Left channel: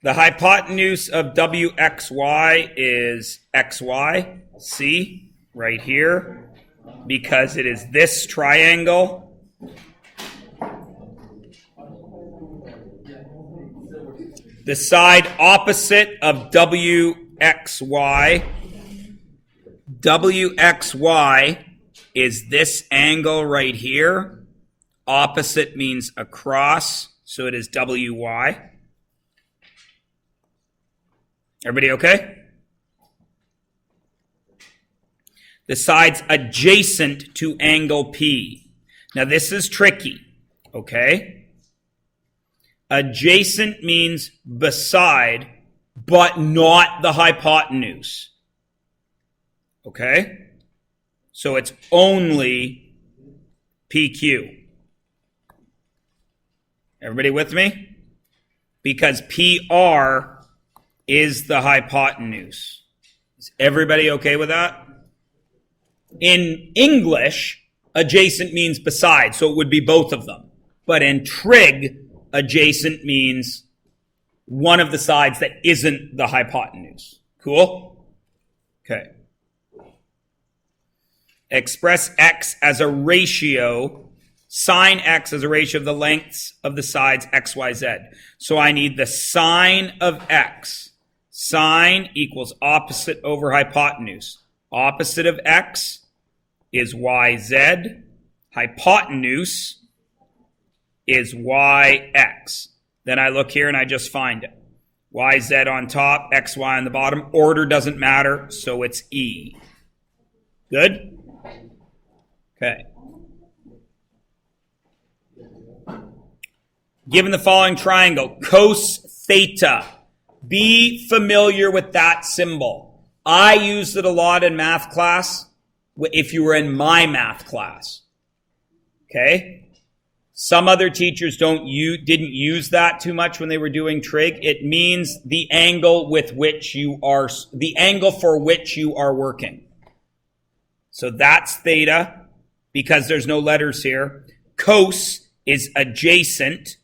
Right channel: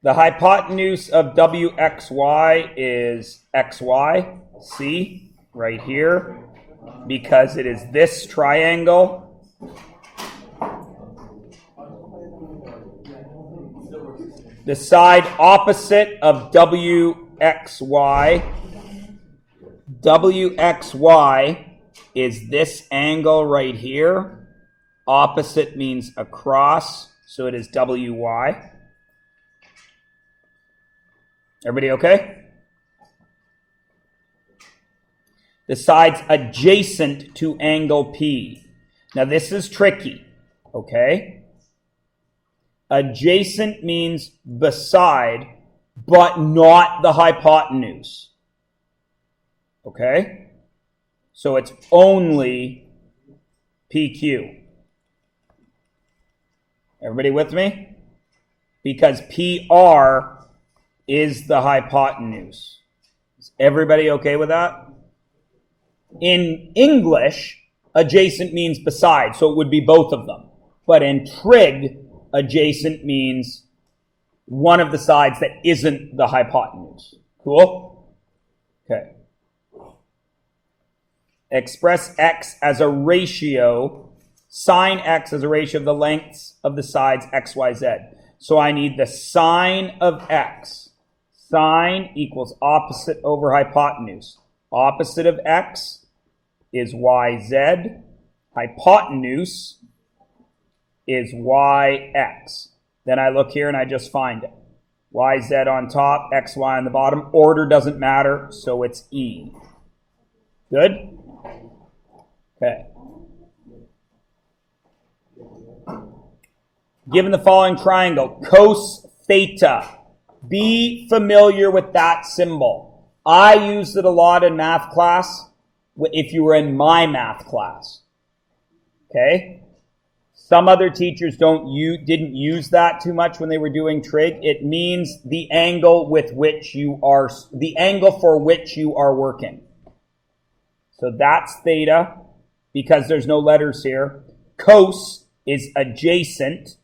The hypotenuse of WXY is XY, see, right here, because it is this triangle. The side opposite of WXY is this angle right here. Opposite means across, so it is WY. Everybody okay? The sides adjacent to angle P. Now this is tricky, okay? Adjacent means beside, but not the hypotenuse. Okay? So it's only PQ. Everybody with me? Because PR is the hypotenuse. Is everybody okay with that? In English, adjacent means beside, so it would be both of them. But in trig, adjacent means one of the sides that isn't the hypotenuse. Cool? Okay. Express x as a ratio, sine x as a ratio of the lengths of the sides x, y, z. So I need the sine of x. Sine equals opposite over hypotenuse. Opposite of x is yz. Hypotenuse is yx. Then I look here and I just find it. Yz on top, xy on the bottom. Order doesn't matter, so it's E. Good? Okay. Given the following triangle, cos theta. Be familiar with that symbol. I used it a lot in math class, if you were in my math class. Okay? Some other teachers didn't use that too much when they were doing trig. It means the angle for which you are working. So that's theta, because there's no letters here. Cos is adjacent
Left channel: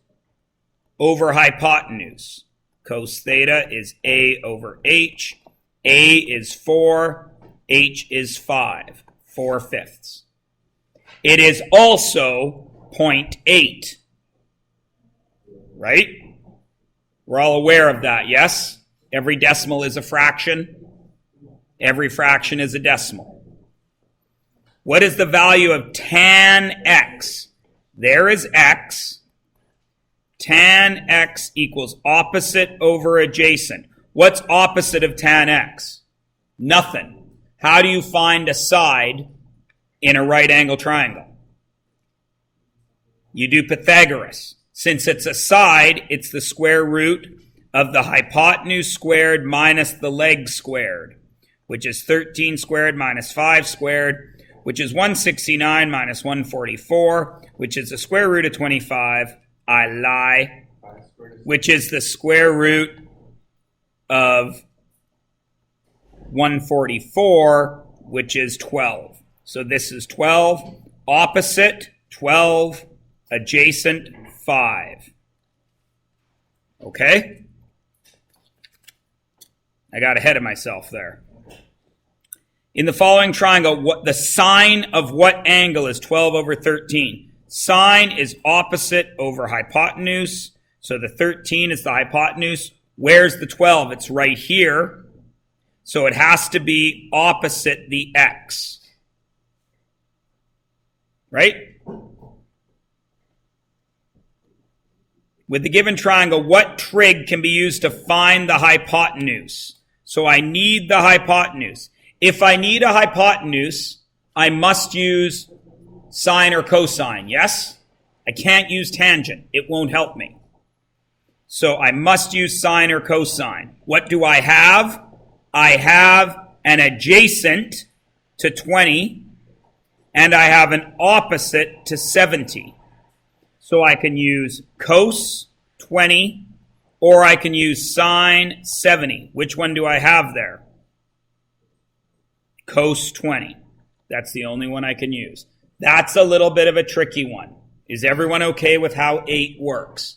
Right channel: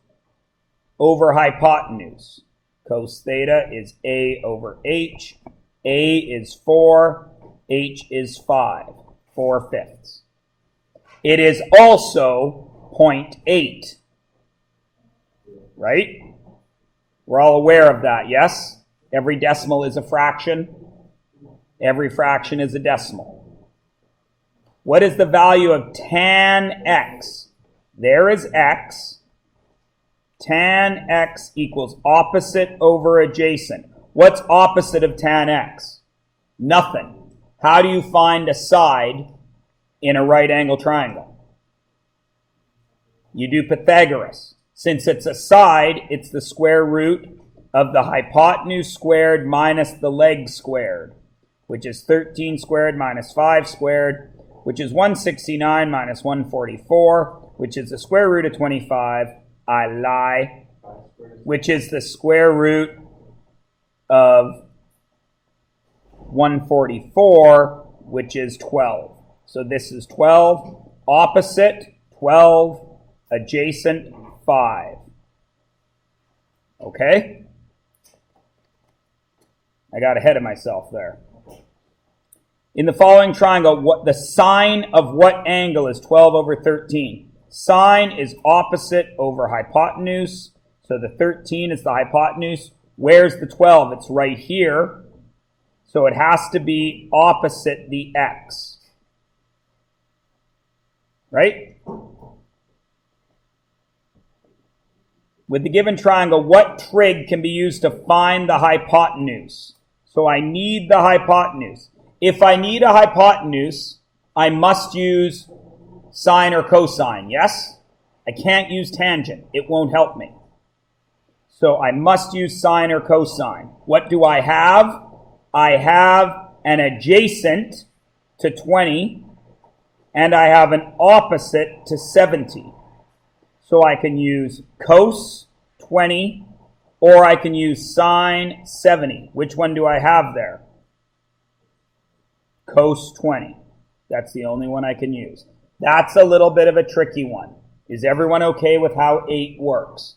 over hypotenuse. Cos theta is A over H. A is 4. H is 5. 4/5. It is also 0.8. Right? We're all aware of that, yes? Every decimal is a fraction. Every fraction is a decimal. What is the value of tan x? There is x. Tan x equals opposite over adjacent. What's opposite of tan x? Nothing. How do you find a side in a right angle triangle? You do Pythagoras. Since it's a side, it's the square root of the hypotenuse squared minus the leg squared, which is 13 squared minus 5 squared, which is 169 minus 144, which is the square root of 25. I lie. Which is the square root of 144, which is 12. So this is 12. Opposite, 12. Adjacent, 5. Okay? I got ahead of myself there. In the following triangle, the sine of what angle is 12 over 13? Sine is opposite over hypotenuse. So the 13 is the hypotenuse. Where's the 12? It's right here. So it has to be opposite the x. Right? With the given triangle, what trig can be used to find the hypotenuse? So I need the hypotenuse. If I need a hypotenuse, I must use sine or cosine, yes? I can't use tangent. It won't help me. So I must use sine or cosine. What do I have? I have an adjacent to 20, and I have an opposite to 70. So I can use cos 20, or I can use sine 70. Which one do I have there? Cos 20. That's the only one I can use. That's a little bit of a tricky one. Is everyone okay with how 8 works?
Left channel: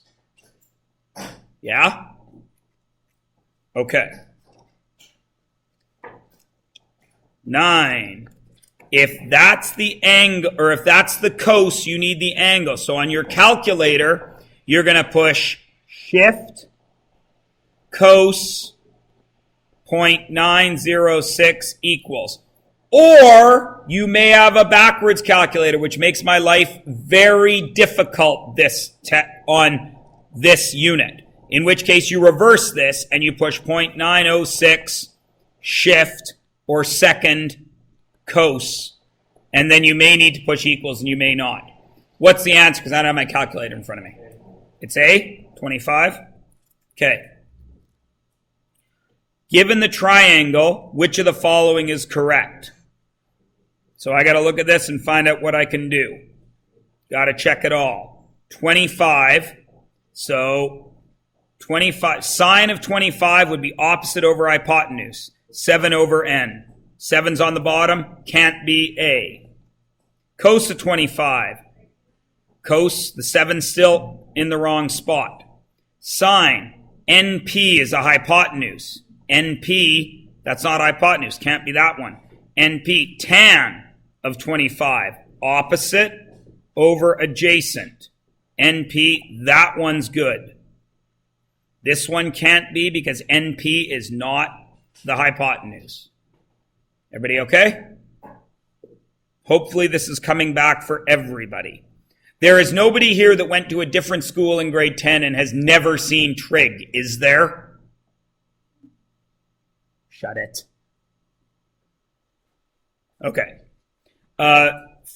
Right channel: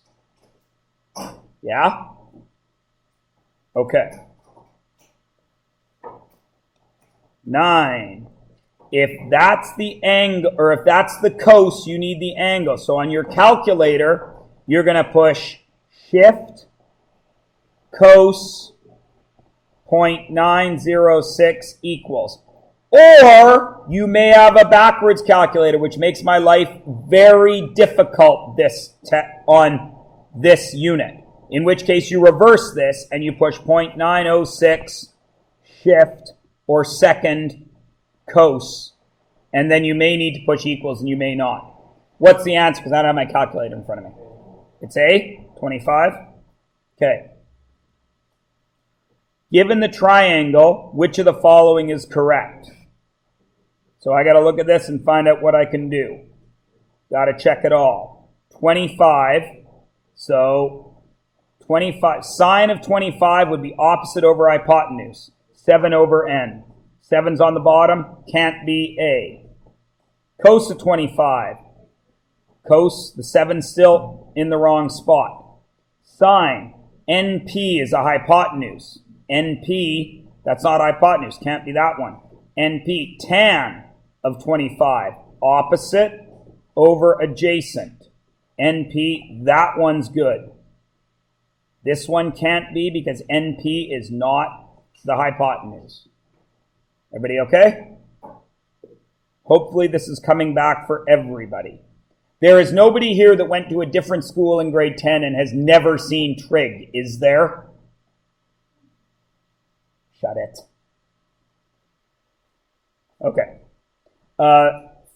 Yeah? Okay. 9. If that's the angle, or if that's the cos, you need the angle. So on your calculator, you're going to push shift cos 0.906 equals. Or you may have a backwards calculator, which makes my life very difficult on this unit. In which case you reverse this and you push 0.906 shift or second cos. And then you may need to push equals and you may not. What's the answer? Because I don't have my calculator in front of me. It's A, 25. Okay. Given the triangle, which of the following is correct? So I got to look at this and find out what I can do. Got to check it all. 25. So 25. Sine of 25 would be opposite over hypotenuse. 7 over n. 7's on the bottom. Can't be A. Cos of 25. Cos, the 7's still in the wrong spot. Sine. NP is a hypotenuse. NP, that's not hypotenuse. Can't be that one. NP, tan of 25. Opposite over adjacent. NP, that one's good. This one can't be because NP is not the hypotenuse. Everybody okay? Hopefully this is coming back for everybody. There is nobody here that went to a different school in grade 10 and has never seen trig, is there? Shut it. Okay.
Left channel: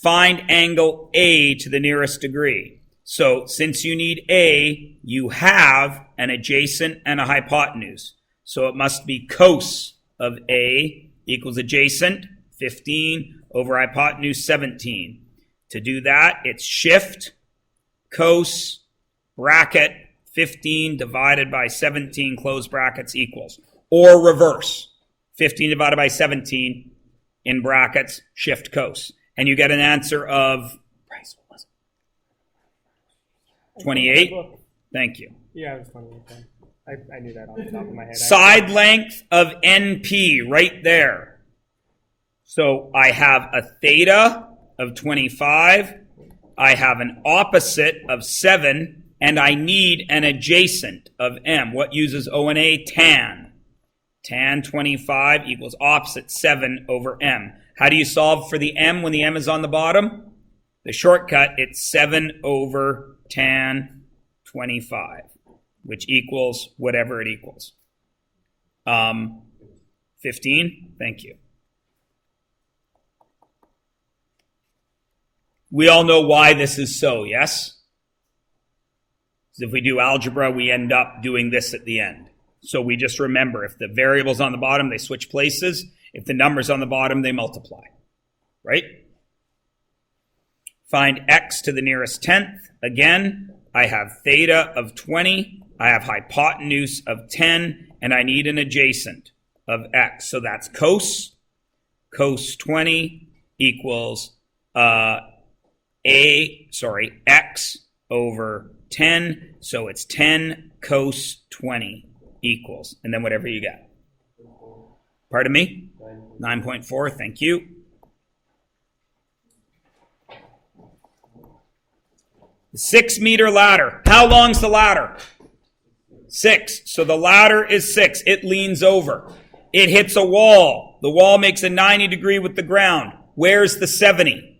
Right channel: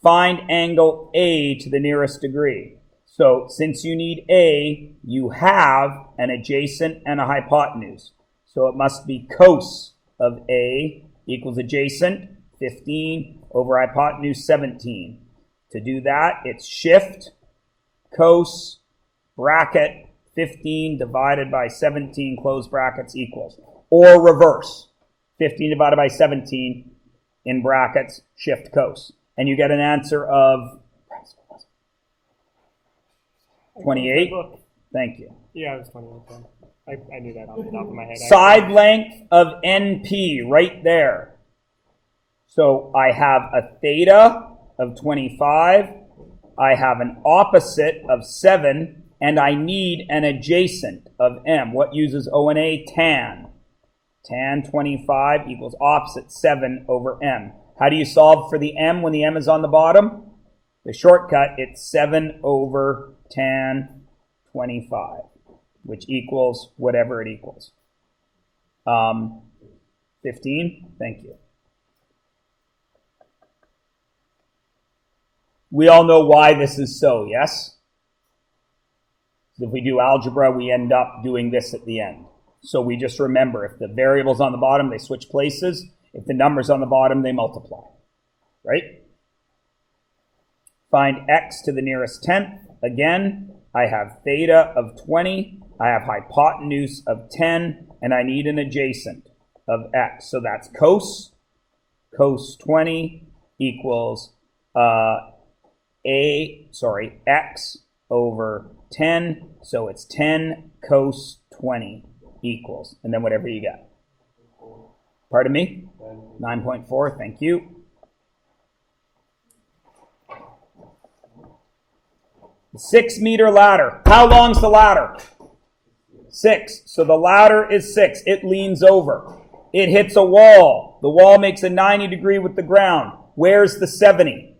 Find angle A to the nearest degree. So since you need A, you have an adjacent and a hypotenuse. So it must be cos of A equals adjacent, 15, over hypotenuse, 17. To do that, it's shift, cos, bracket, 15 divided by 17, close brackets, equals. Or reverse, 15 divided by 17, in brackets, shift cos. And you get an answer of 28. Thank you. Yeah, it was 28. I knew that off the top of my head. Side length of NP, right there. So I have a theta of 25. I have an opposite of 7. And I need an adjacent of M. What uses O and A? Tan. Tan 25 equals opposite 7 over M. How do you solve for the M when the M is on the bottom? The shortcut, it's 7 over tan 25, which equals whatever it equals. 15? Thank you. We all know why this is so, yes? If we do algebra, we end up doing this at the end. So we just remember, if the variable's on the bottom, they switch places. If the number's on the bottom, they multiply. Right? Find x to the nearest tenth. Again, I have theta of 20. I have hypotenuse of 10. And I need an adjacent of x. So that's cos. Cos 20 equals x over 10. So it's 10 cos 20 equals. And then whatever you get. Pardon me? 9.4. Thank you. The 6-meter ladder. How long's the ladder? 6. So the ladder is 6. It leans over. It hits a wall. The wall makes a 90 degree with the ground. Where's the 70?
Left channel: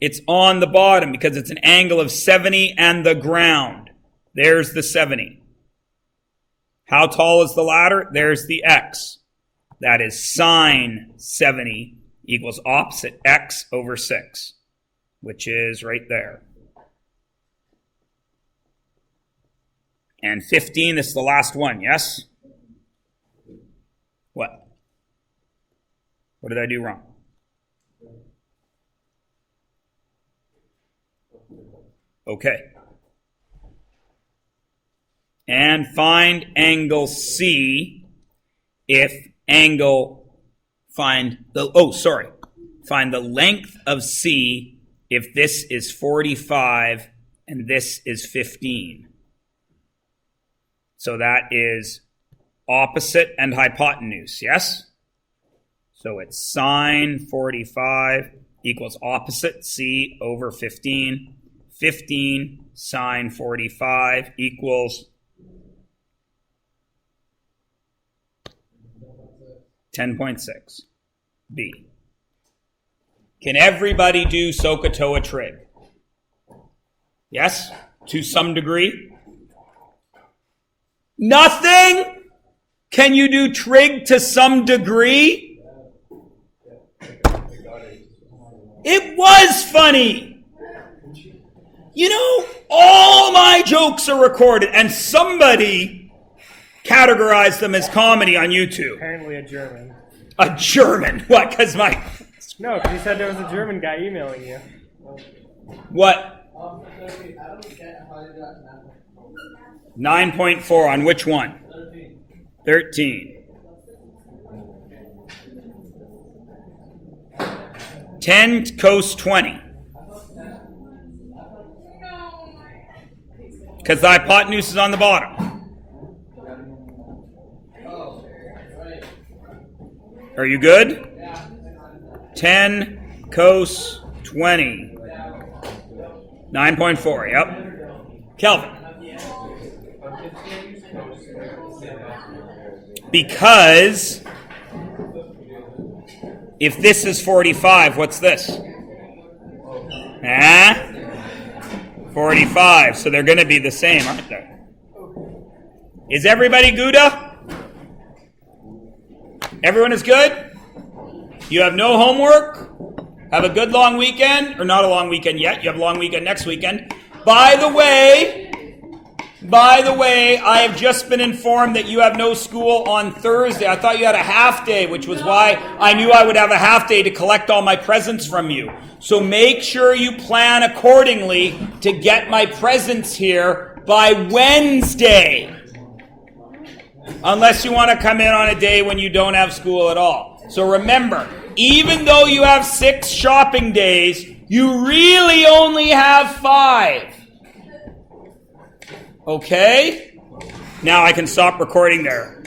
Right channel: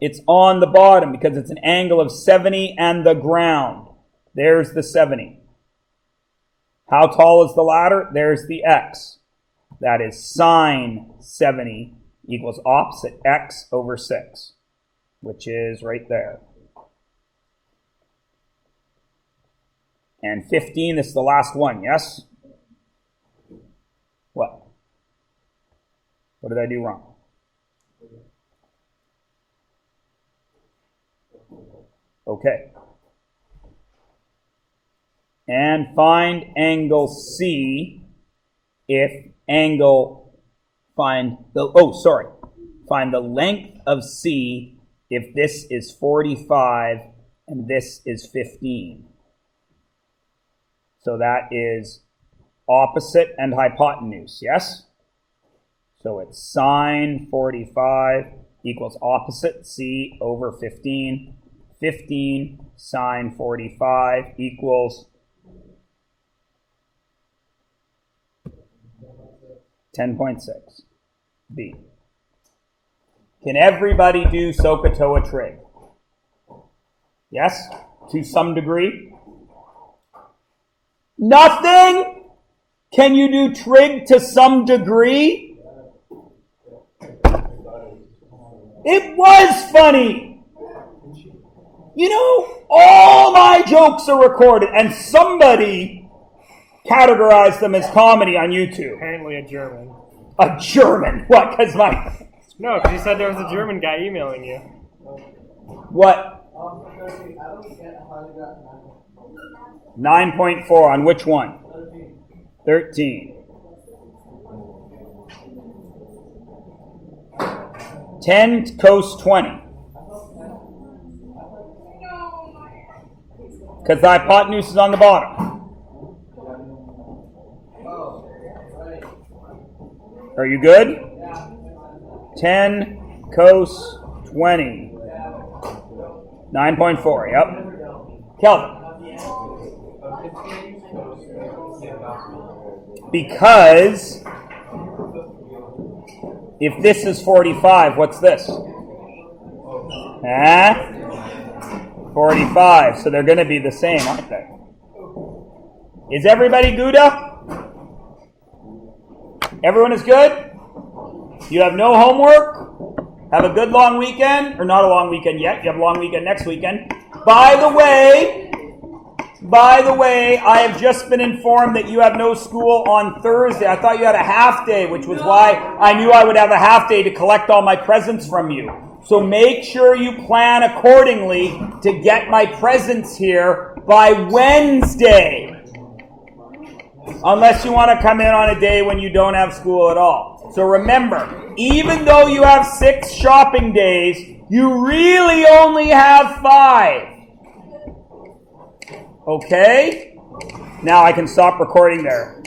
It's on the bottom because it's an angle of 70 and the ground. There's the 70. How tall is the ladder? There's the x. That is sine 70 equals opposite x over 6, which is right there. And 15, this is the last one, yes? What? What did I do wrong? Okay. And find angle C if find the length of C if this is 45 and this is 15. So that is opposite and hypotenuse, yes? So it's sine 45 equals opposite, C, over 15. 15 sine 45 equals 10.6, B. Can everybody do SOHCAHTOA trig? Yes? To some degree? Nothing? Can you do trig to some degree? It was funny. You know, all my jokes are recorded, and somebody categorized them as comedy on YouTube. Apparently a German. A German? What? Because my... No, because you said there was a German guy emailing you. What? 9.4 on which one? 13. 10 cos 20. Because the hypotenuse is on the bottom. Are you good? 10 cos 20. 9.4, yep. Kelvin. Because if this is 45, what's this? 45. So they're going to be the same, aren't they? Is everybody Gouda? Everyone is good? You have no homework? Have a good long weekend. Or not a long weekend yet. You have a long weekend next weekend. By the way, I have just been informed that you have no school on Thursday. I thought you had a half day, which was why I knew I would have a half day to collect all my presents from you. So make sure you plan accordingly to get my presents here by Wednesday. Unless you want to come in on a day when you don't have school at all. So remember, even though you have 6 shopping days, you really only have 5. Okay? Now I can stop recording there.